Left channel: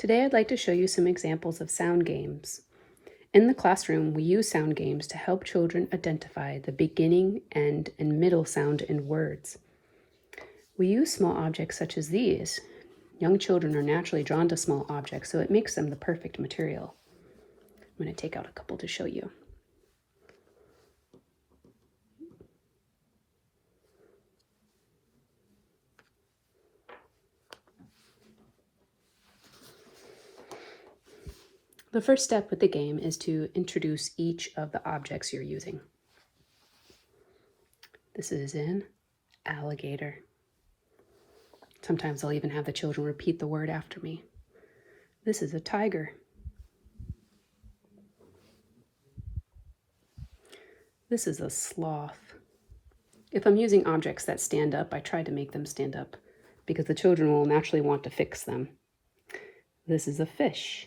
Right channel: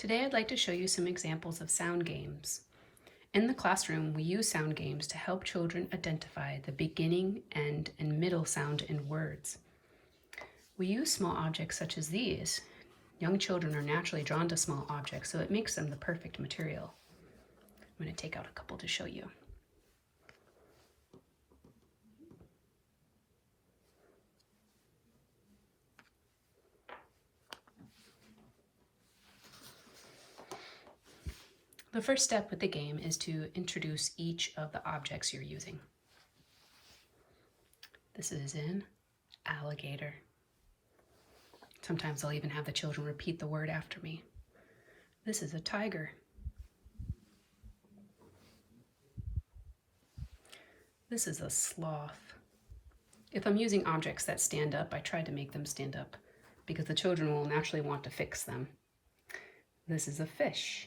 Today I'd like to show you some examples of sound games. In the classroom, we use sound games to help children identify the beginning, end, and middle sound in words. We use small objects such as these. Young children are naturally drawn to small objects, so it makes them the perfect material. I'm going to take out a couple to show you. The first step with the game is to introduce each of the objects you're using. This is an alligator. Sometimes I'll even have the children repeat the word after me. This is a tiger. This is a sloth. If I'm using objects that stand up, I try to make them stand up because the children will naturally want to fix them. This is a fish.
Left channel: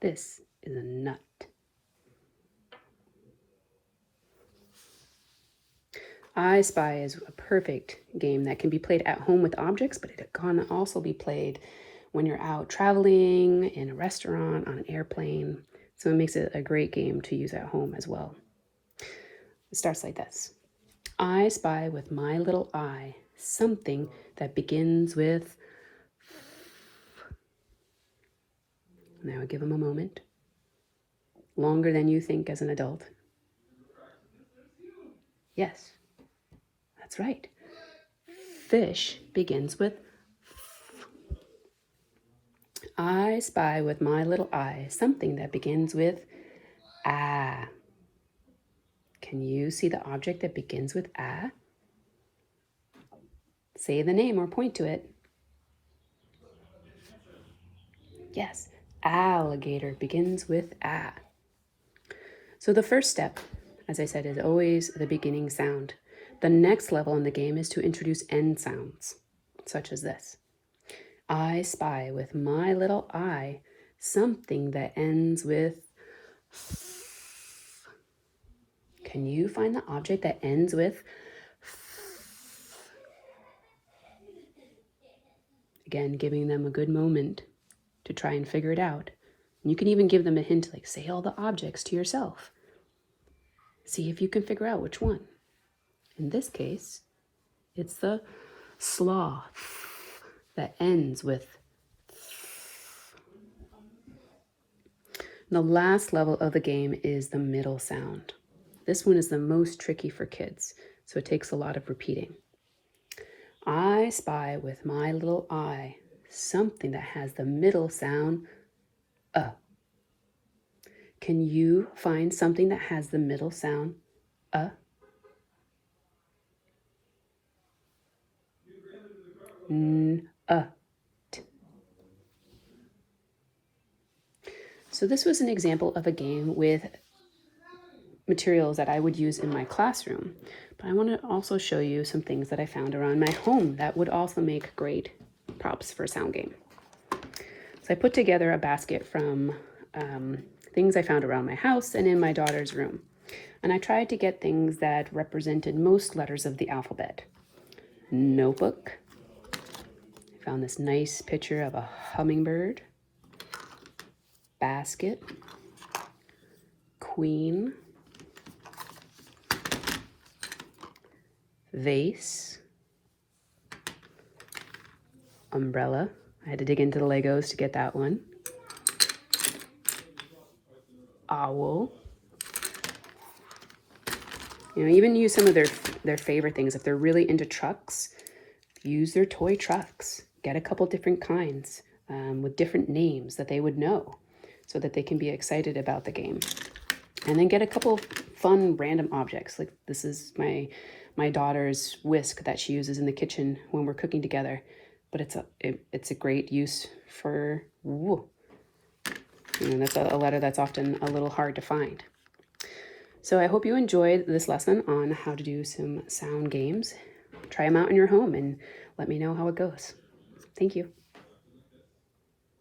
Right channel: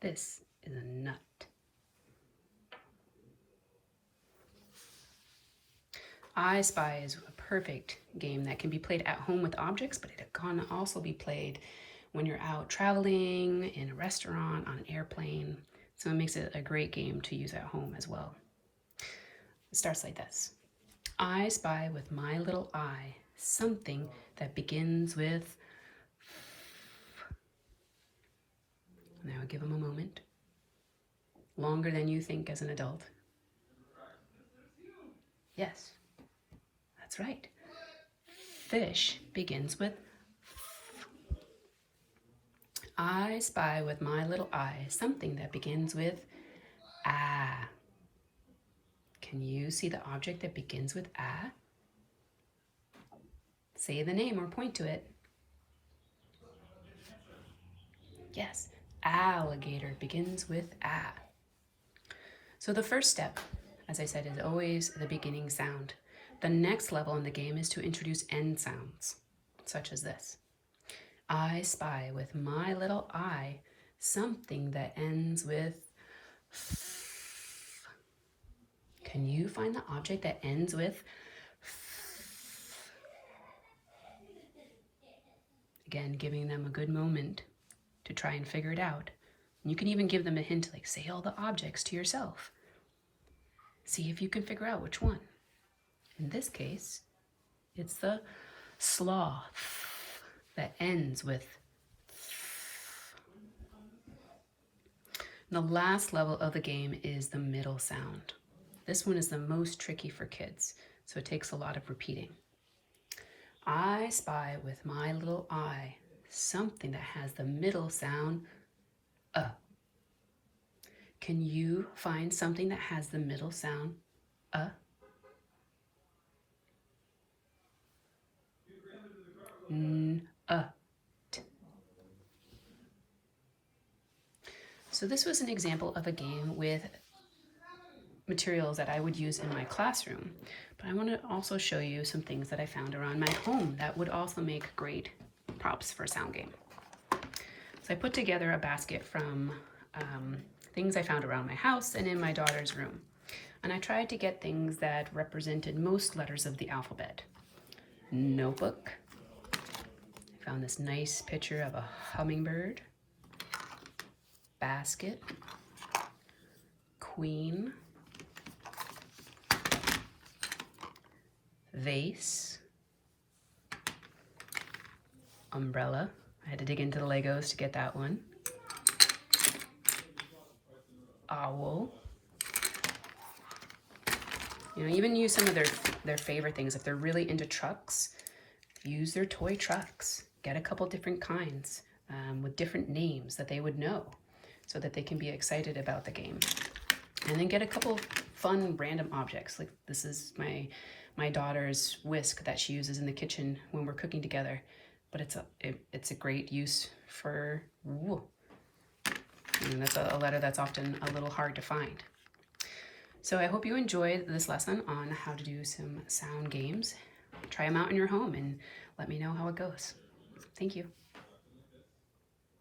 This is a nut. I Spy is a perfect game that can be played at home with objects, but it can also be played when you're out traveling, in a restaurant, on an airplane. So it makes it a great game to use at home as well. It starts like this. I spy with my little eye something that begins with Now give them a moment. Longer than you think as an adult. Yes, that's right. Fish begins with F. I spy with my little eye something that begins with Ah. Can you see the object that begins with Ah? Say the name or point to it. Yes, alligator begins with Ah. So the first step, as I said, is always the beginning sound. The next level in the game is to introduce end sounds, such as this. I spy with my little eye something that ends with F. Can you find the object that ends with F? Again, giving them a good moment to try and figure it out. And you can even give them a hint, like say all the objects to yourself. See if you can figure out which one. In this case, it's the sloth that ends with F. And the last level of the game is the middle sound. This one is the most tricky for kids, so it takes a lot of repeating. I spy with my little eye something that has the middle sound Can you find something that has the middle sound So this was an example of a game with materials that I would use in my classroom, but I want to also show you some things that I found around my home that would also make great props for a sound game. So I put together a basket from things I found around my house and in my daughter's room. And I tried to get things that represented most letters of the alphabet. Notebook. I found this nice picture of a hummingbird. Basket. Queen. Vase. Umbrella. I had to dig into the Legos to get that one. Owl. Even use some of their favorite things. If they're really into trucks, use their toy trucks. Get a couple different kinds with different names that they would know so that they can be excited about the game. And then get a couple fun random objects. Like this is my daughter's whisk that she uses in the kitchen when we're cooking together. But it's a great use for that's a letter that's often a little hard to find. So I hope you enjoyed this lesson on how to do some sound games. Try them out in your home and let me know how it goes. Thank you.